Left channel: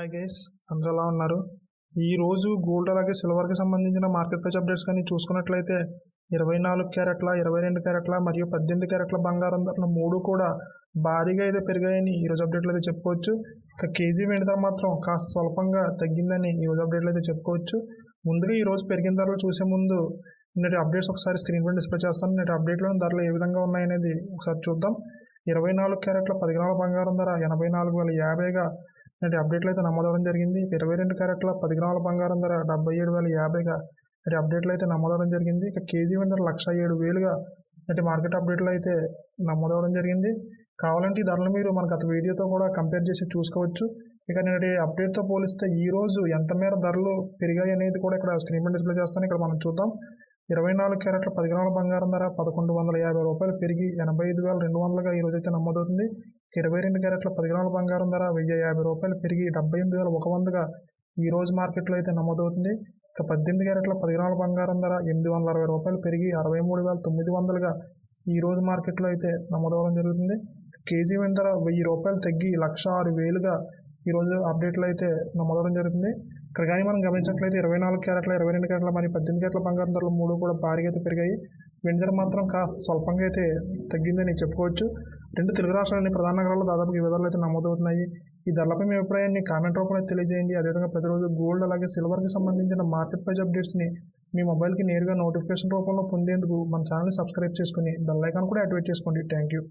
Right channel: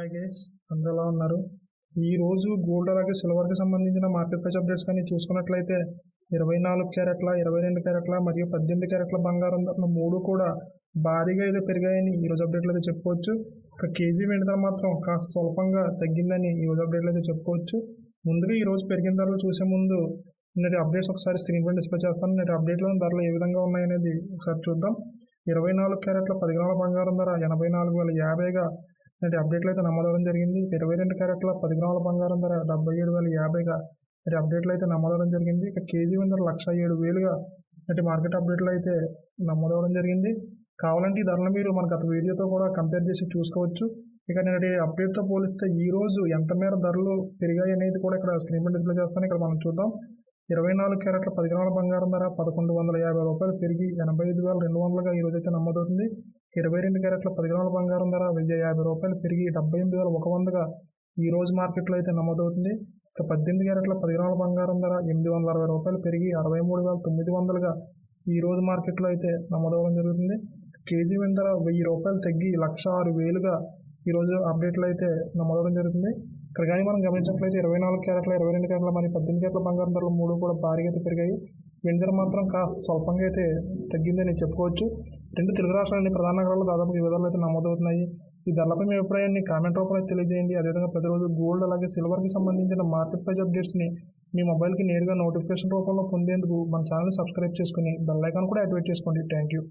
Hi guys, అందరూ ఎలా ఉన్నారు? ఈరోజు గోల్డ్ అలాగే సిల్వర్కి సంబంధించిన మార్కెట్ ప్రైస్ అప్డేట్స్ కానీ చూసుకున్నట్లయితే 24 క్యారెట్ల, 22 క్యారెట్ల మరియు 18 క్యారెట్ల బంగారం ధరలు మూడు కూడా భారీగా అయితే పెరిగాయని ఈరోజు అప్డేట్లు అయితే చెప్పుకోవచ్చు. ఇక కేజీ వెండి ధర మాత్రం కాస్త స్వల్పంగా తగ్గిందని ఈరోజు అప్డేట్లు అయితే చెప్పుకోవచ్చు. ముందుగా ఈరోజు పెరిగిన ధరలు చూసే ముందు నేటి అప్డేట్స్ ఒకసారి స్క్రీన్ పై డిస్ప్లే చేస్తాను. నేటి అప్డేట్లోని ధరలు ఏ విధంగా ఉన్నాయనేది ఒకసారి చూద్దాం. 24 క్యారెట్ల 10 గ్రాముల బంగారం ధర 84,050గా నేటి అప్డేట్లు అయితే నమోదవడం జరిగింది. 22 క్యారెట్ల 10 గ్రాముల బంగారం ధర 77,050గా నేటి అప్డేట్లు అయితే నమోదవడం జరిగింది. ఇక కేజీ వెండి ధర 107,000గా నేటి మార్కెట్ అప్డేట్లు అయితే నమోదవడం జరిగింది. కావాలంటే ఈ ధరలు మీరు మన గత వీడియోతో కూడా కంపేర్ చేసి చూసుకోవచ్చు. ఇక నేటి అప్డేట్తో పోలిస్తే ఈ రోజు ఎంత మేర ధరలు పెరిగాయి అనేది కూడా ఇక్కడ స్క్రీన్ పై డిస్ప్లే చేస్తాను. ఇక్కడ మనం చూద్దాం. 24 క్యారెట్ల 10 గ్రాముల బంగారం ధర 1,150 రూపాయలు పెరిగి 85,200గా ఈరోజు అయితే నమోదవుతుంది. 22 క్యారెట్ల 10 గ్రాముల బంగారం ధర 1,050 రూపాయలు పెరిగి 78,100గా ఈరోజు మార్కెట్లో అయితే నమోదవుతుంది. ఇక 18 క్యారెట్ల 10 గ్రాముల బంగారం ధర 860 రూపాయలు పెరిగి 63,900గా ఈరోజు మార్కెట్లో అయితే నమోదవడం జరుగుతుంది. కేజీ వెండి ధర 1,000 రూపాయలు తగ్గి 106,000గా ఈరోజు అప్డేట్లు అయితే నమోదవడం జరుగుతుంది. ఇక్కడ కానీ మనం గమనించినట్లయితే 24 క్యారెట్ల, 22 క్యారెట్ల మరియు 18 క్యారెట్ల బంగారం ధరలు మూడు కూడా భారీగా అయితే పెరిగాయి. వెండి ధర మాత్రం కాస్త స్వల్పంగా అయితే తగ్గిందని చెప్పుకోవచ్చు. రెండు తెలుగు రాష్ట్రాలని ప్రధాన నగరాల్లో దాదాపు ఈ విధాలు అయితే నమోదవుతున్నాయి. ఈ ధరలపై మీ అభిప్రాయాన్ని కామెంట్ రూపంలో తెలియజేయండి. అదేవిధంగా ప్రతిరోజు గోల్డ్ అలాగే సిల్వర్కి సంబంధించిన మార్కెట్ ప్రైస్ అప్డేట్స్ని మీ మొబైల్కి నేరుగా నోటిఫికేషన్ రూపంలో పొందేందుకు మన ఛానల్ని సబ్స్క్రైబ్ చేసుకుని బెల్ ఐకాన్ కూడా యాక్టివేట్ చేసుకోండి. Thank you.